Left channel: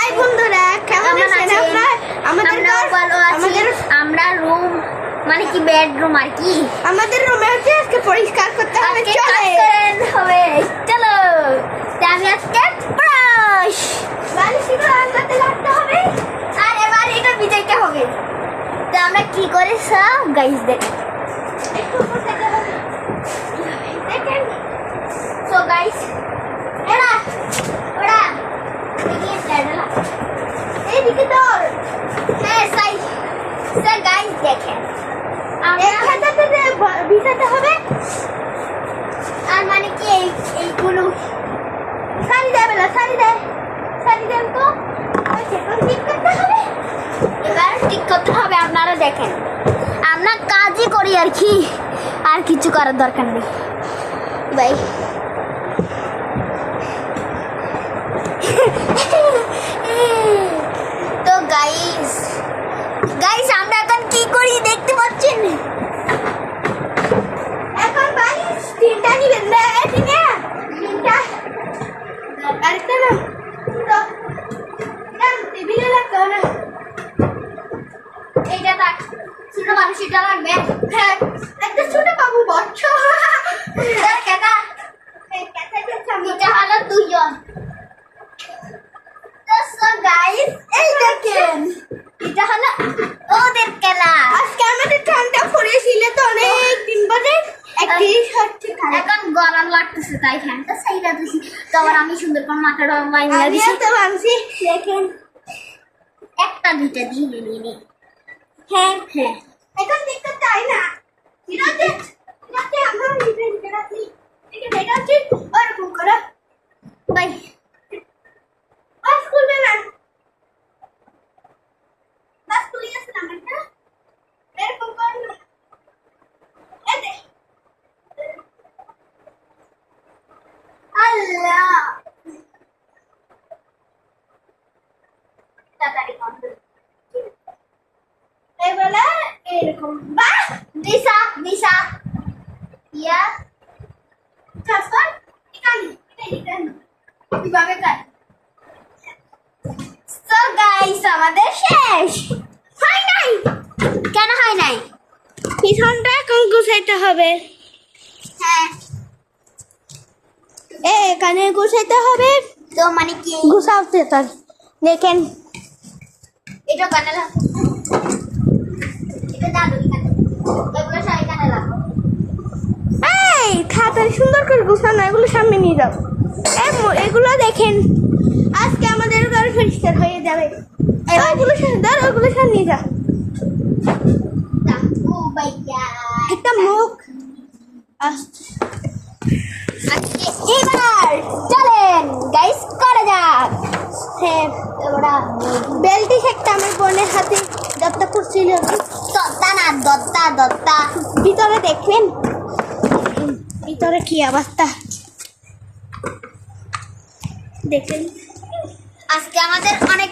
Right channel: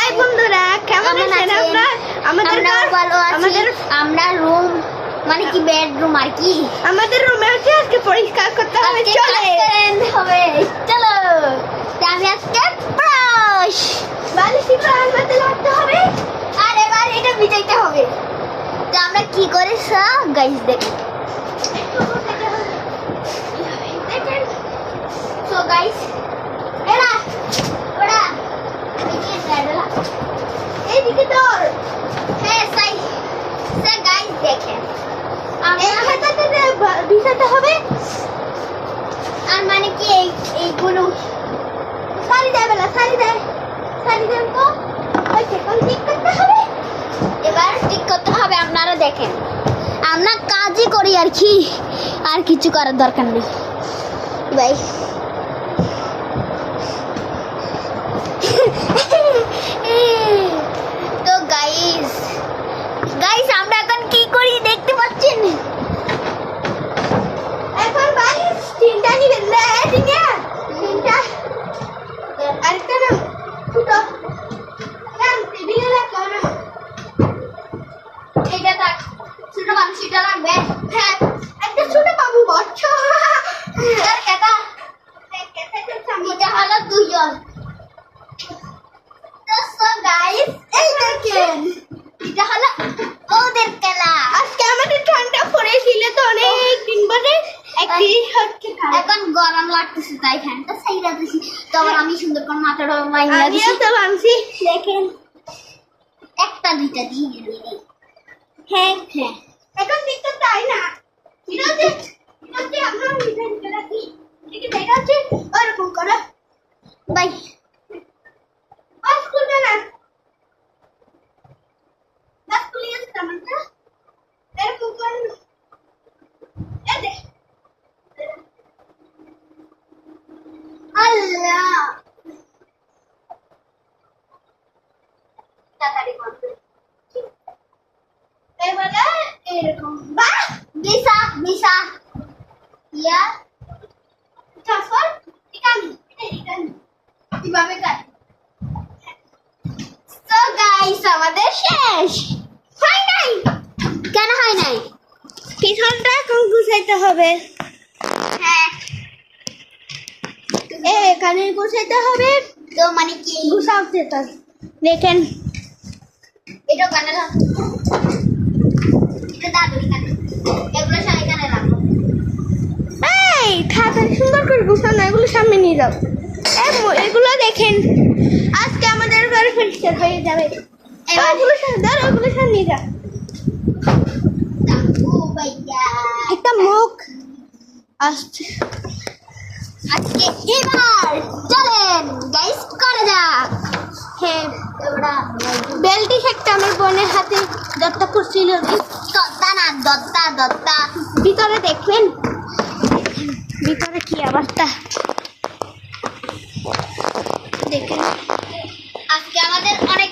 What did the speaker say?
High বন্ধুরা, কেমন আছেন আপনারা? আমরা রুম মানে কি বেডরুম আর কি আমাদের রুমে হচ্ছে আজকে পরিষ্কার করতে হবে। চলো আমি আজকে ব্রাশ বালিশগুলো আনতে লাগতে হবে আর এবার এটা ভিজাইতে হবে। তো আমরা কি করে গাইস দেখেন। সো গাইস এরা ওরা এইদিকে তোর হ্যাঁ গাইস দেখেন বিছাতে হবে। আর মানে কি এইগুলো শাড়ি দেয় বেলা, শাড়ি দেন তো সেখান ঠিক করতে হবে। এবার ঠিক করতে হবে। আপনারা দেখেন আমরা কাজই করি আর কি, আর কিছু করার দরকার নেই ভাই। তো গাইস আমরা এখন কি করি দেখতে পাচ্ছেন। এখন বালিশ তিনটা নিবেন না, তিনটা আরেকটা না ছোট টেবিলে রাখতে হবে না। এইটা থাক, ছোট মানুষ এটা লাগবে। হ্যাঁ, একটা ছোট বাবু বচ্চ এটা হলো দুজন। তো সো গাইস এই দেখেন এটা হলো ওদের খেলা। আজকে আমাদের ঠান্ডা পড়েছিল তো অনেক দিন পরে 31 হচ্ছে ঠান্ডা। এখন গরম লাগতেছে তাই ফ্যানটা সাইডা দিছি। তো আবার আমি সুন্দর করে মাথাটা বাইন্দা দিছি। আমিও তো বানছি। দেখেন একটা দুইটা দিয়ে নিলি। হ্যাঁ এখন দেখতে চাই না। এটা আমরা ডিজাইন করেছি। ঠিক আছে, এটা হচ্ছে ওরকম করে বাই বাস খুলবে না। বাস খুলে গেছে না মানে এরকম করে না। এই দে আল্লাহ তাড়াতাড়ি বন্ধ। এবারে এরকম বাহ দিশা ইয়া ট্রান্সফার এখানে কিভাবে কাজ। সো গাইস আমাদের শেষ হয় নাই, কেন হয় নাই? পিছনটা এখন গুছাইতে হবে। হ্যাঁ এখানে গুছাইতে হবে। তো মানে কি গুছাতে তার দেখেন এটা কানে লাগ, এটা দাদুরি কানে, এগুলো সবাই কানে লাগো। এই তাড়াতাড়ি সুন্দর করে গুছানো, এগুলো সামনে নিয়ে যাও। এগুলো দেখেন আজকে আমাদের ঘর পরিষ্কার হয়ে যাবে। ওগুলো সামনে নিয়ে যাও। ও ভাইয়া একটা মুখ আসছে। আজকে এবার চলেন গাইস করা যাক। হ্যাঁ, এবারে বেলটি একটা আমার বোনের হাতে দত্তা করছিল। দত্তা ভিতরে দেখবেন ভিতরে কি অবস্থা দেখেন। আজকে আমাদের অনেক